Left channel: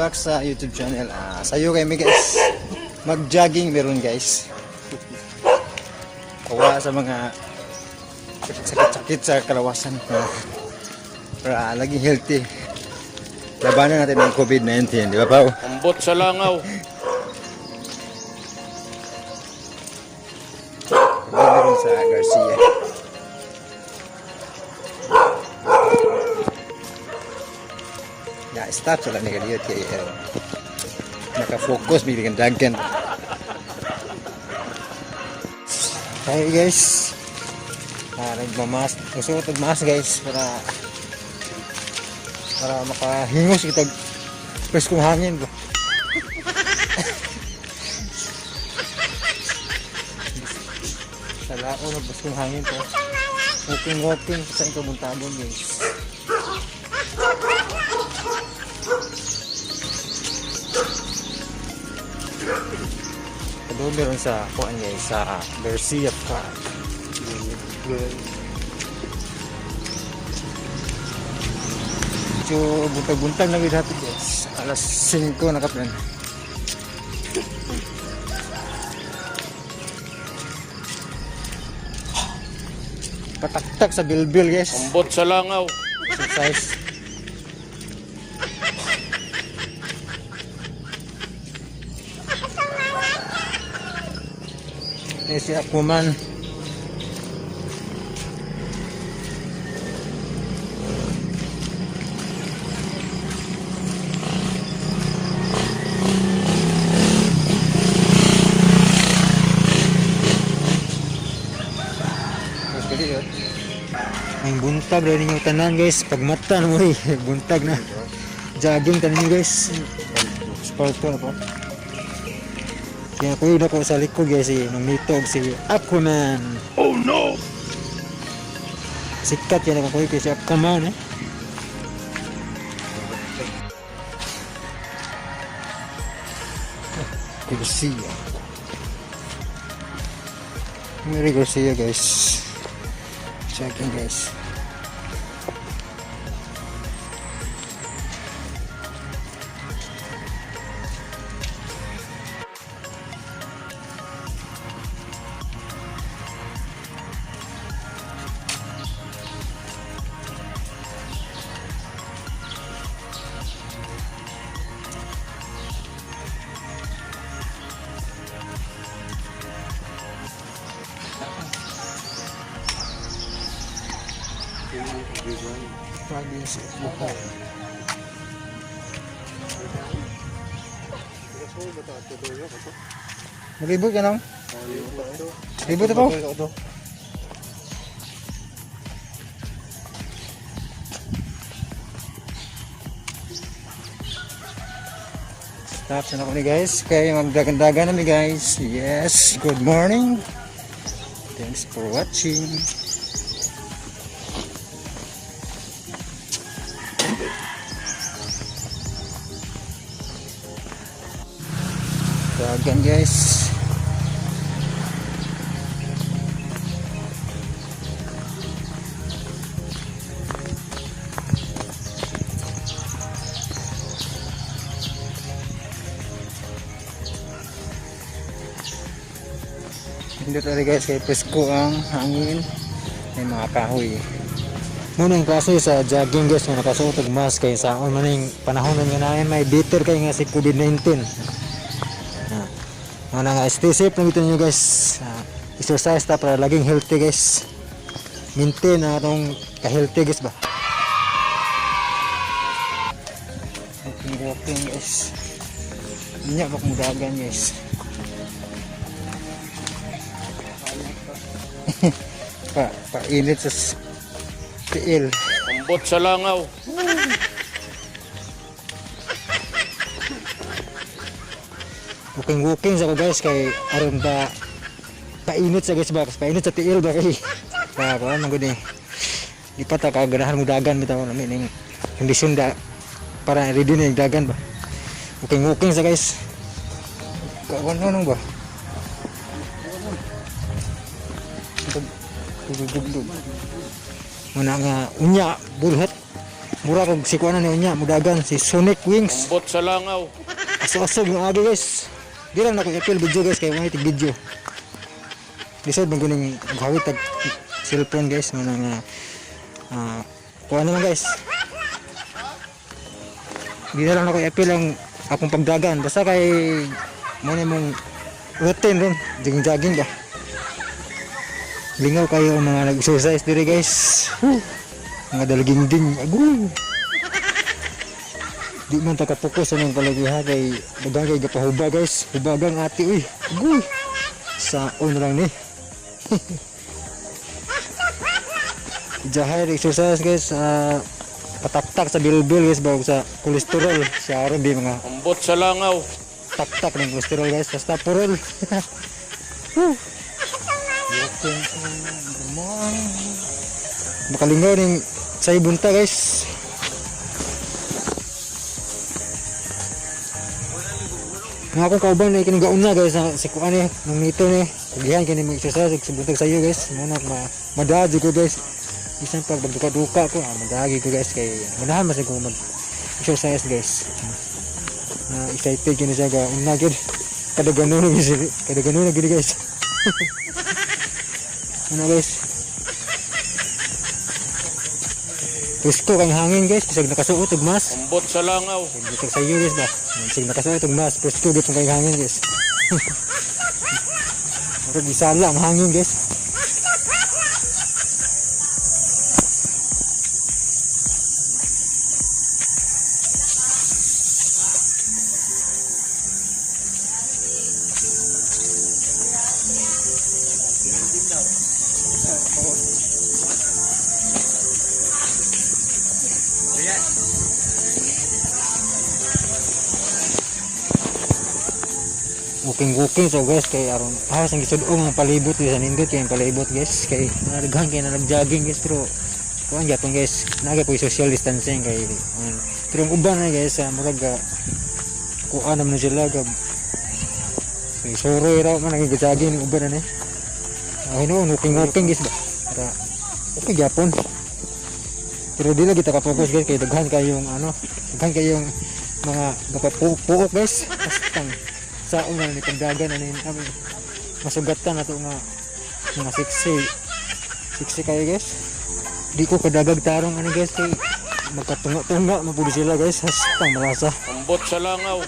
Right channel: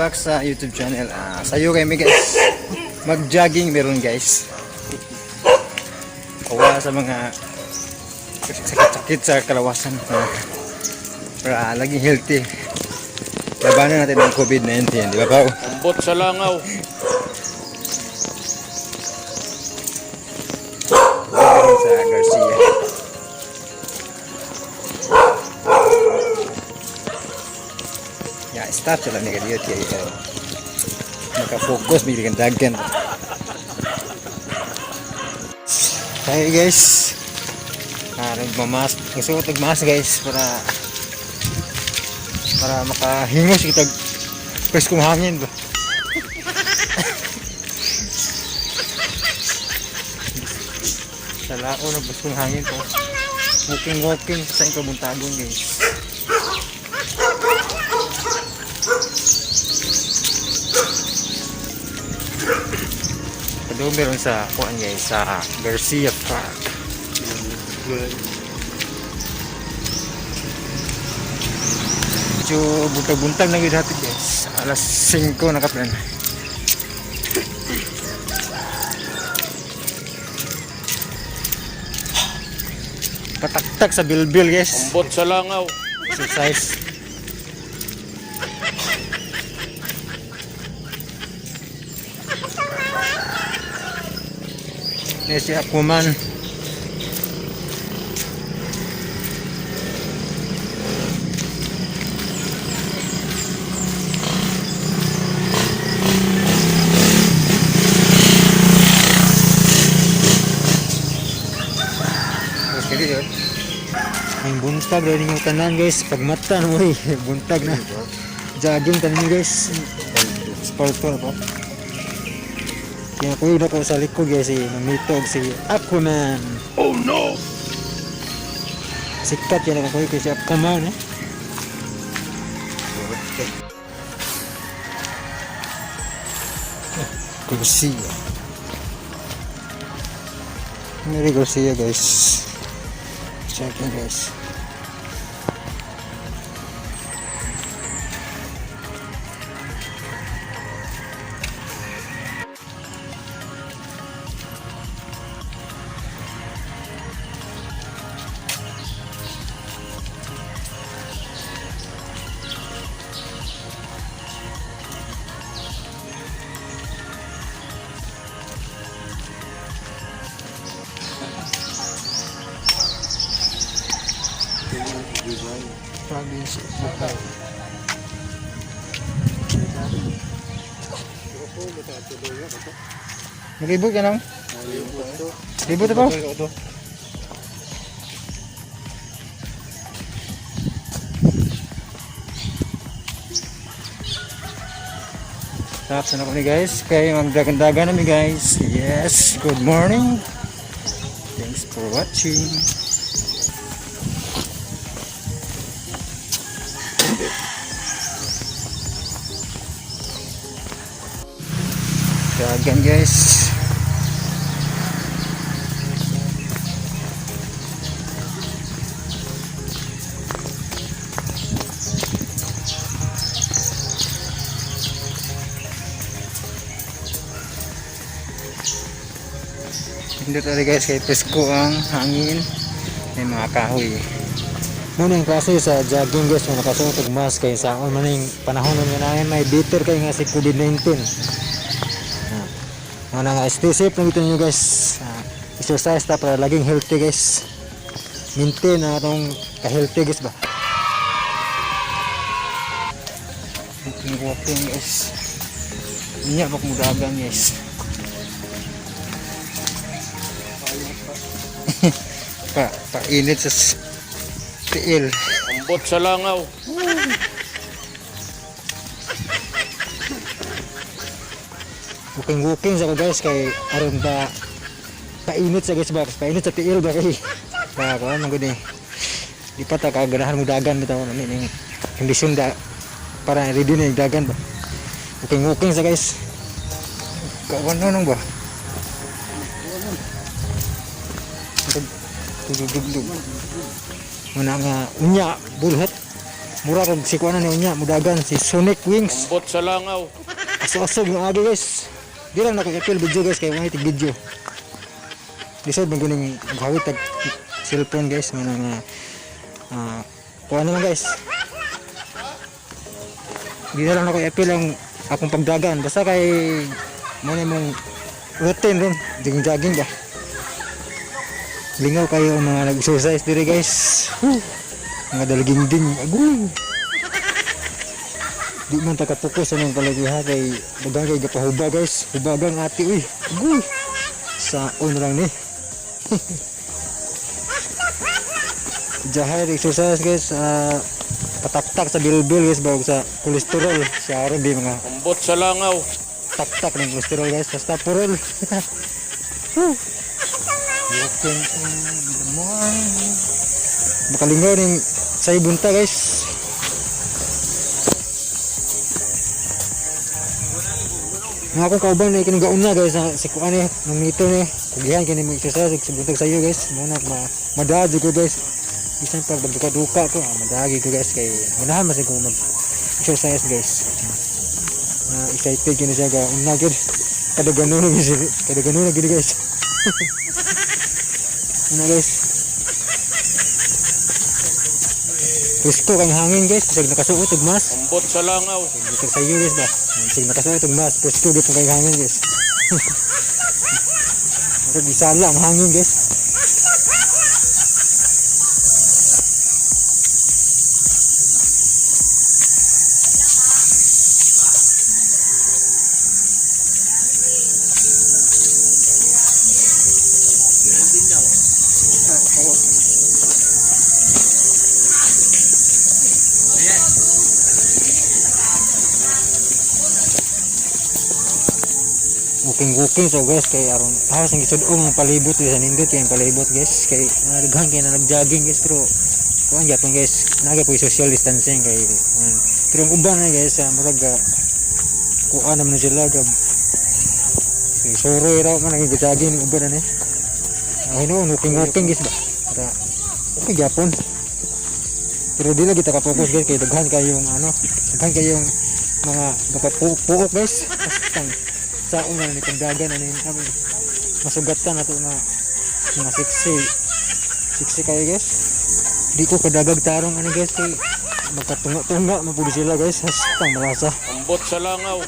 back sa YouTube channel. Sayo kami guys. Mag-jogging meron guys. Kawa sa mga sakit-sakit sa kalawasan. Para laging healthy. Labanan natin ang COVID-19, di ba pa? Ambot sa langaw. Sa Garcia. Ya, stop sila na ganyan. Nakafokus, may dagan. Hi guys. Magmamas. Gusto ko magmamas guys para makahingos kita preskong hangin to. Sala ko na preskong hangin to. Walking sa yung kabuntabon guys. Ito meron sa kuan guys sa Garcia Park. Medyo buntag-buntag na gid hapit guys. Alas 5 nakaplan. Pataktak sa bilbil guys. Ambot sa langaw. Exercise. Guys, si Akuman. Ang buntag rin yung tanan guys. Pag mata no eh. Buntag na. Jogging tanan nyo guys. Sponsor pa. Kaya ko yun ako sa likod guys eh. Nangmitog si Aquaman. Oh no! Sikat yan ako ko si Aquaman eh. Garcia. Mary Garcia guys. Checking guys. Province of Bukal. Nag-ibot yan lang? Nag-ibot ito? Tapos na kami guys. Kaya magdagan-dagan namin guys. Yes, good morning. Thanks for watching. Dagan guys. Hindi talaga guys kay presko ang hangin. May mga kahoy. Muna yung klase sa jogging guys, muna nakasuot og mask kay sa maning panahon nga na may bitter kay nga si COVID-19. Muna nga stay safe lang dito nyo guys. Exercise ta para laging healthy guys. Maintain na itong ka-healthy guys ba. Walking guys. Ini ako mudagan guys. Painit sa tiil. Ambot sa langaw. Walking sa ko guys kay aron ba painit sa guys ba, painit sa tiil ba kay ba ko nang gud ni di pa ta kaganahan mo dagan bitaw na ning kondisyon da para ready na yung dagan ba. Walking sa guys. Kawan nang ba. Muna nga unya bulhat mura kog si kuanan niya mudagan si Sonic Wings. Ambot sa langaw. Aso-aso yung agi guys. Di lang ako i-appeal video guys kay mga tig video. Lisod bang kuning maghawit tag cellphone guys nga nga kuha naman guys. Di na lang ako i-appeal ang akong pagdagan basta kay mo na mong routine ron jogging ba. Lingaw kayo ang mga nag-exercise diri guys. Mga dalaging ding agoy. Di man takapokus sa mga palagiha kay dagang kay gapahuba guys. Hubagang ati uy. Agoy. Saon lang ni. Jahay exercise guys. Pataktak sa bilbil guys bago sa kolesterol. Siya rin di mga Ambot sa langaw. taktak ng kolesterol guys. Basta purol. Makalingaw ng sa ibunta guys. Nga akong kauban na ikinigaon na guys sa kuan eh nung nito ni kugihan kini mo exercise sa buntag sayo guys mo na madadyo ko guys bisan pag magduka-duka ko madagi ko guys kay ganahan mas ko mag exercise guys excited kini siya ga unna gid kada ganun gid guys ano guys Risko kang hangin guys, bisag nakasuot og mas. Ambot sa langaw. Bisag sayo guys ba. Bisag nakasuot og mas, risko gyud kang hangin guys. Ako gisala ang hangin guys. Walking so guys kay aron hawas ang gisudong ang palibot sa nindot kay ang palibot guys kay nagdaghan kay na nag-jogging guys pero kuan gyapon guys nagay po social distancing kay pero ang uban na guys murag kuan naman sila gab kay soroy raw man nag-jogging uban na ni no walking guys ba para okay gyapon pero dili kita ka focus guys kay daghan kayong mga gapapuok guys basta sa una ni pagdagan ani masugatan nato nga mga siksi kayo guys di ko kadagag tarong ani guys kay magkatunga-tunga mapudi sila guys hastang malasa Ambot sa langaw.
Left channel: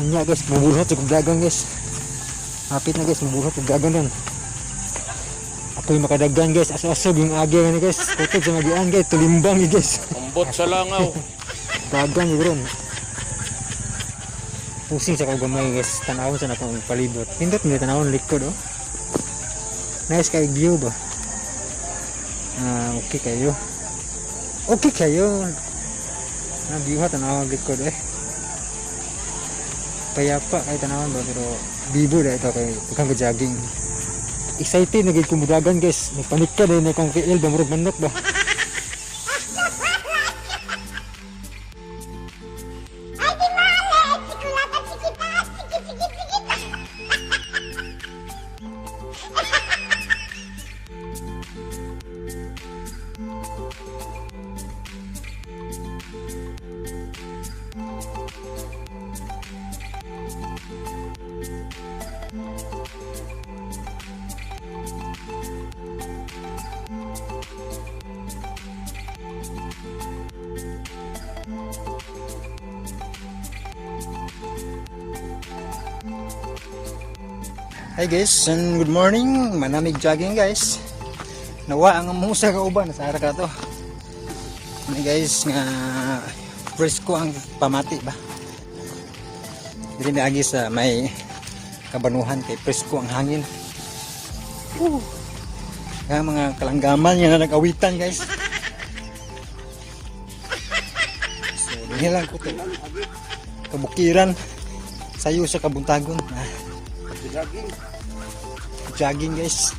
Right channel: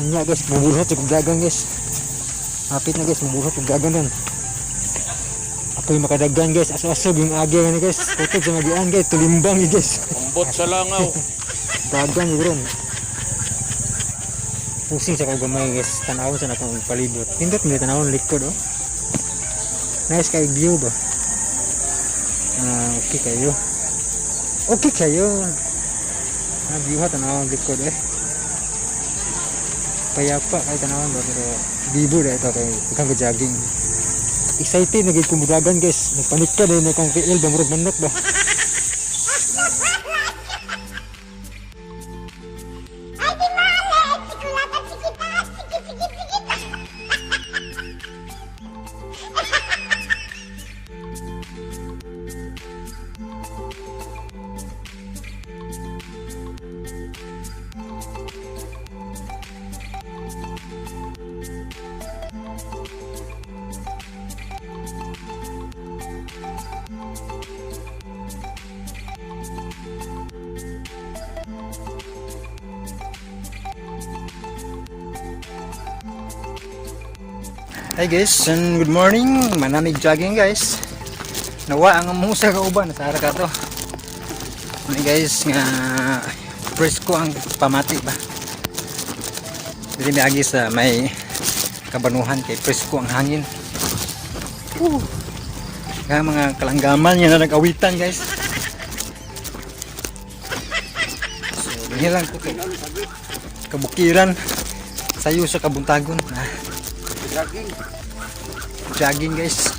anya guys mabuhat sa pagdagan guys hapit na guys mabuhat pagdagan nun ako'y makadagan guys aso-asog yung agi ani guys kutog sa magian guys tulimbang guys Ambot sa langaw. dagan yun ron pusing sa kagamay guys tanawon sa nakong palibot pindot mo tanawon likod oh nice kay view ba okay kayo view ha tanawon likod payapa kay tanawon ba pero bibo na ito kay ikang jogging excited na gid kumudagan guys nagpanik ka din akong kiil ba murag manok ba Hi guys, and good morning. Manamig jogging guys. Nawa ang musa ka uban sa ara ka to. Ni guys nga presko ang pamati ba. Dili agi sa may kabanuhan kay presko ang hangin. Nga mga kalanggaman nga nag-awitan guys. Ini lang kabukiran sayo sa kabuntagon. Jogging guys.